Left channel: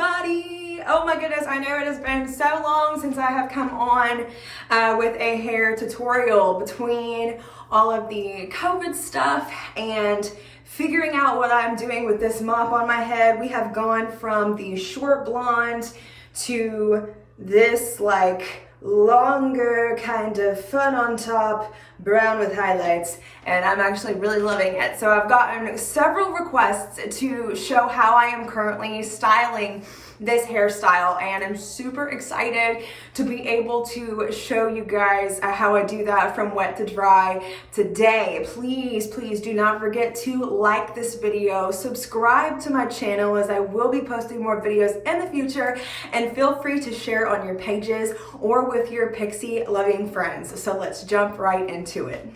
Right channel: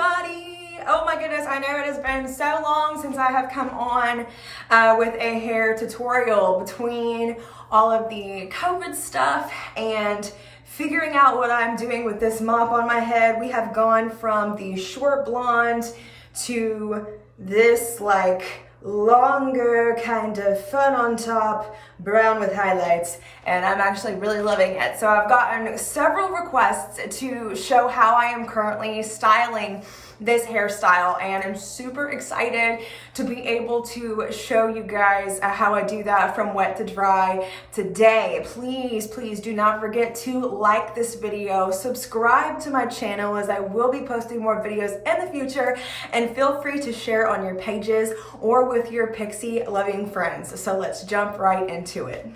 everybody. Oh my goodness, I know it has been so long since I have come on with a hair tutorial. Between all of the COVID stuff and figuring out what I'm doing with this mop on my head, we have gone from the short blonde to this like longer kind of fun on top brown with highlights, and I'm actually really loving it. So I've gotten several requests to show how I am currently styling this hairstyle, and I'm super excited to be able to show you guys how I do that from wet to dry today. Please do not forget to like this video, subscribe to my channel as I will be posting more videos in the future, and feel free to share on your pages or with your Pixie loving friends. So let's jump right into it.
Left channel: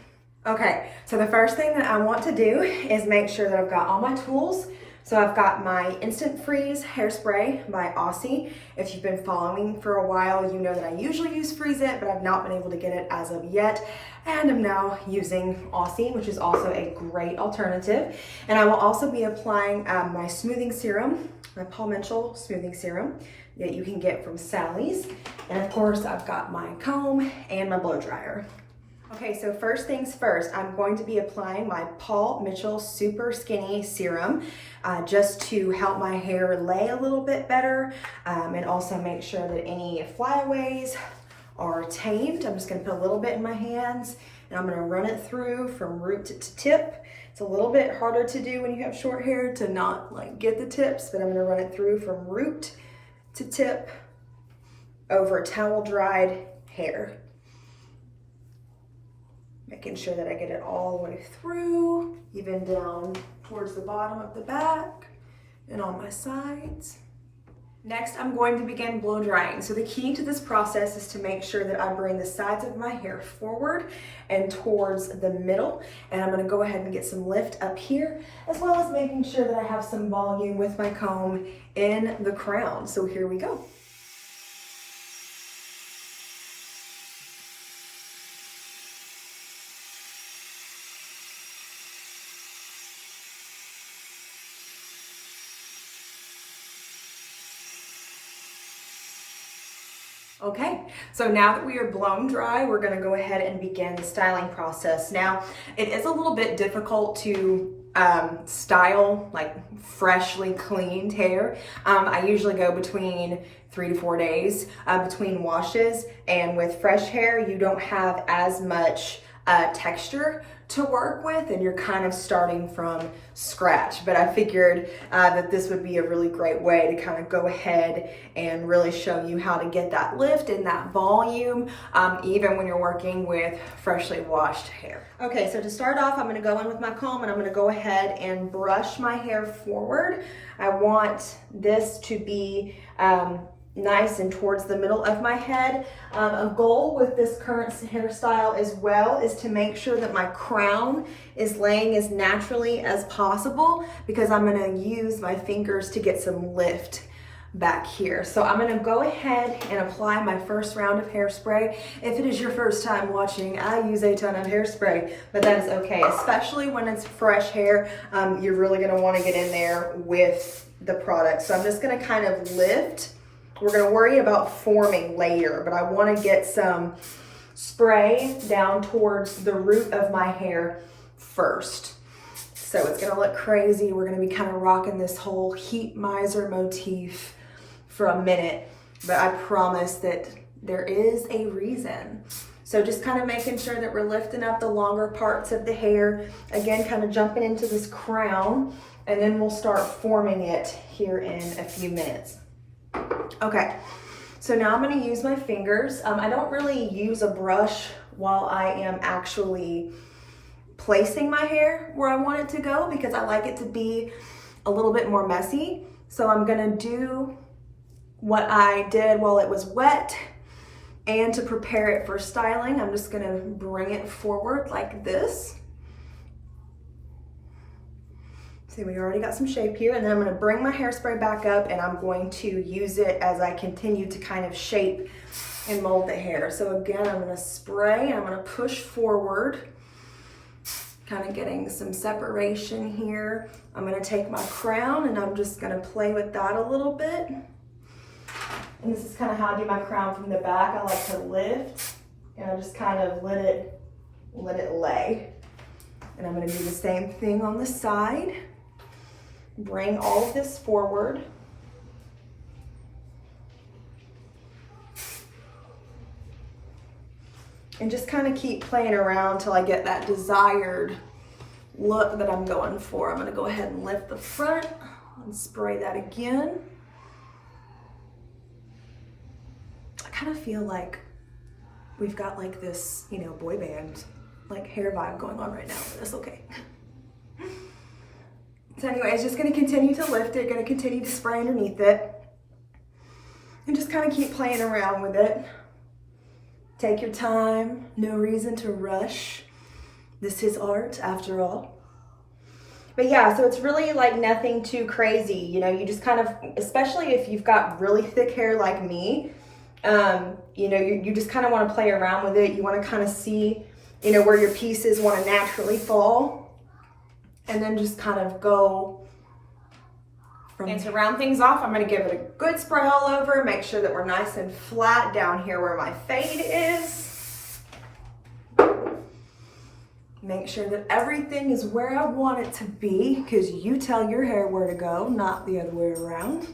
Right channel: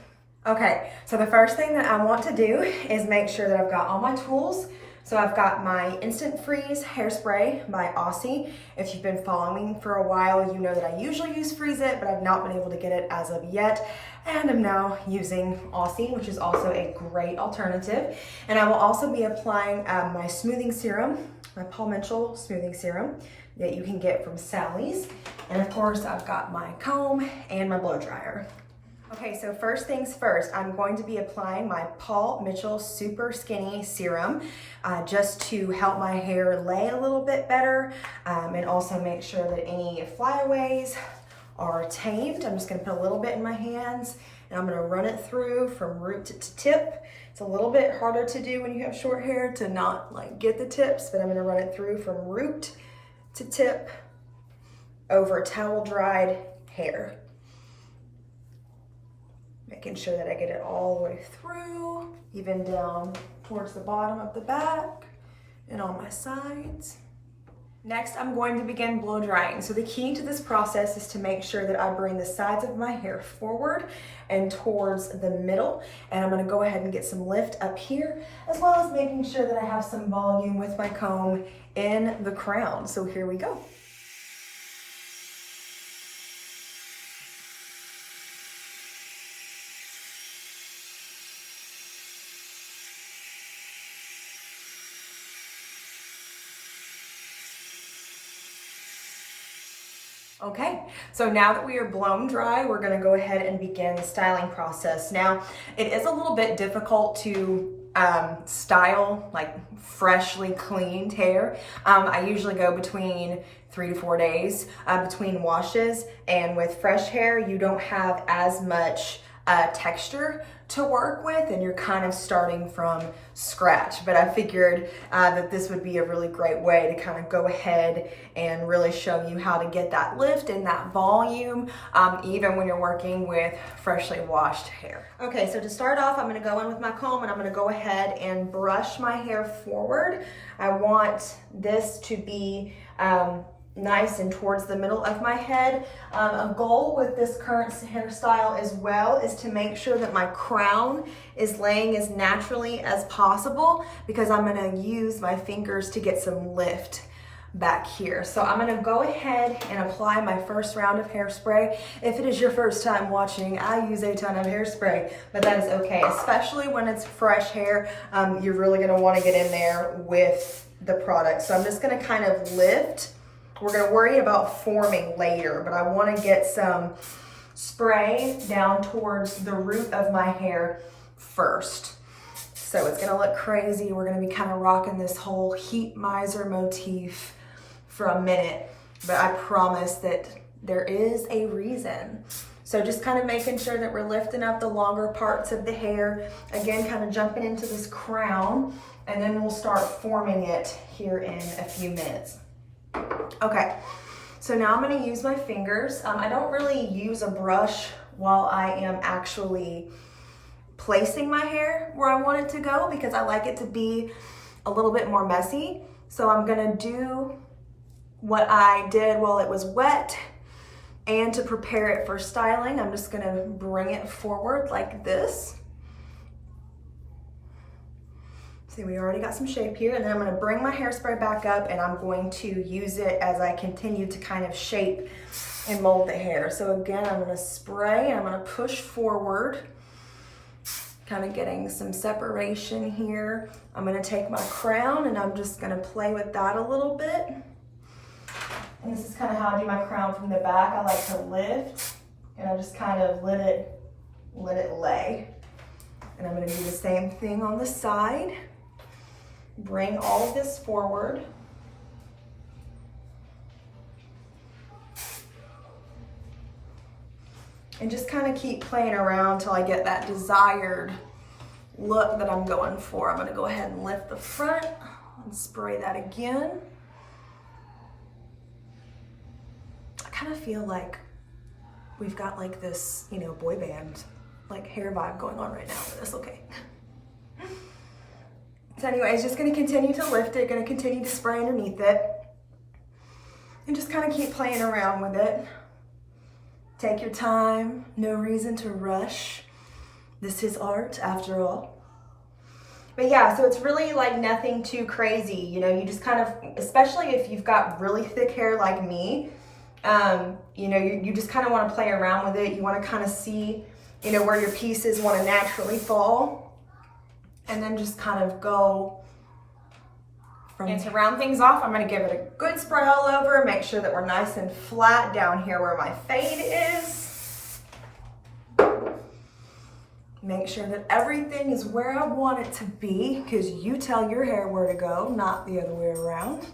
Okay, so the first thing that I want to do is make sure that I've got all my tools. So I've got my Instant Freeze Hairspray by Aussie. If you've been following me for a while, you know that I usually use Freeze It, but I've not been able to get it as of yet. And I'm now using Aussie, which is also a great alternative. And I will also be applying my smoothing serum, my Paul Mitchell smoothing serum that you can get from Sally's. And of course, I've got my comb and my blow dryer. Okay, so first things first, I'm going to be applying my Paul Mitchell Super Skinny Serum just to help my hair lay a little bit better and also make sure that any flyaways are tamed. I'm just gonna put a little bit in my hands and I'm gonna run it through from root to tip. It's a little bit harder to do when you have short hair to not like get the tips, but I'm gonna run it through from root to tip over towel dried hair. Making sure that I get it all the way through, even down towards the bottom of the back and on my sides. Next, I'm going to begin blow drying. So the key to this process is to make sure that I bring the sides of my hair forward and towards the middle. And I'm gonna go ahead and get some lift up here, as well as making sure that I have some volume with my comb in the crown. So here we go. Okay, so now that we are blown dry, we're gonna go ahead and begin the styling process. Now, it is a little bit difficult to style like freshly cleaned hair. I usually go between 3 to 4 days between washes, and with fresh hair, you don't have as much texture to work with, and you're kind of starting from scratch. But I figured that this would be a really great way to kind of go ahead and really show you how to get that lift and that volume, even when you're working with freshly washed hair. Okay, so to start off, I'm gonna go in with my comb and I'm gonna go ahead and brush my hair forward. I want this to be nice and towards the middle of my head. A goal with this current hairstyle as well is to make sure that my crown is laying as naturally as possible, because I'm gonna use my fingers to get some lift back here. So I'm gonna go ahead and apply my first round of hairspray. If it is your first time watching, I use a ton of hairspray, but that is okay, especially when it's fresh hair. You're really gonna wanna get in there with the product. So I'm just gonna kind of lift. We're gonna worry about forming later, but I wanna get some spray down towards the root of my hair first. So it's gonna look crazy. We're gonna be kind of rocking this whole heat miser motif for a minute, but I promise that there is a reason. So just kind of making sure that we're lifting up the longer parts of the hair. Again, kind of jumping into this crown, and then we'll start forming it here in a few minutes. Okay, so now I'm gonna use my fingers. I don't really use a brush while I am actually placing my hair where I want it to go, because I like it to be a little bit more messy. So I'm gonna do what I did while it was wet, and to prepare it for styling, I'm just gonna bring it forward like this. See, we already got some shape here, and then I'm gonna bring my hairspray back up and I'm going to use it as I continue to kind of shape and mold the hair. So again, I'm gonna spray and I'm gonna push forward, kind of getting some separation here. I'm gonna take my crown and I'm just gonna play with that a little bit. And this is kind of how I do my crown from the back. I like to lift, and I just kind of let it lay. And I'm gonna do the same thing on the side. Bring all of this forward. And just kind of keep playing around till I get that desired look that I'm going for. I'm gonna go ahead and lift the front and spray that again. I kind of feel like we've got like this, you know, boy band, like hair vibe going on right now, but that's okay. So anyways, just gonna continue to lift it, gonna continue to spray underneath it, and just kind of keep playing around with it. Take your time, no reason to rush. This is art after all. But yeah, so it's really like nothing too crazy. You know, you just kind of, especially if you've got really thick hair like me, you know, you just kind of want to play around with it. You want to kind of see, you know, where your pieces want to naturally fall. And then just kind of go from. And to round things off, I'm going to give it a good spray all over. Make sure that we're nice and flat down here where my fade is. Make sure that everything is where I want it to be, because you tell your hair where to go, not the other way around.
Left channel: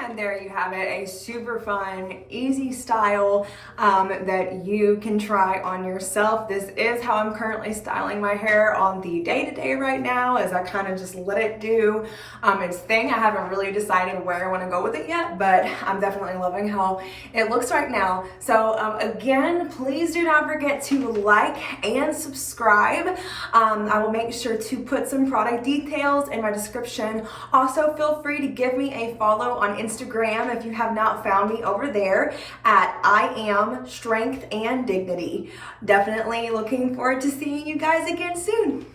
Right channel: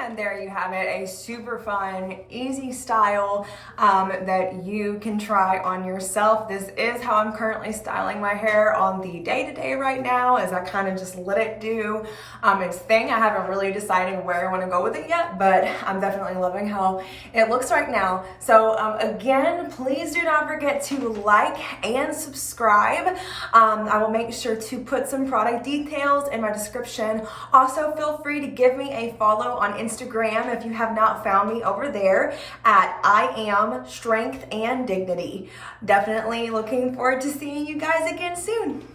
And there you have it, a super fun, easy style that you can try on yourself. This is how I'm currently styling my hair on the day-to-day right now, as I kind of just let it do its thing. I haven't really decided where I want to go with it yet, but I'm definitely loving how it looks right now. So again, please do not forget to like and subscribe. I will make sure to put some product details in my description. Also, feel free to give me a follow on Instagram if you have not found me over there at I Am Strength and Dignity. Definitely looking forward to seeing you guys again soon.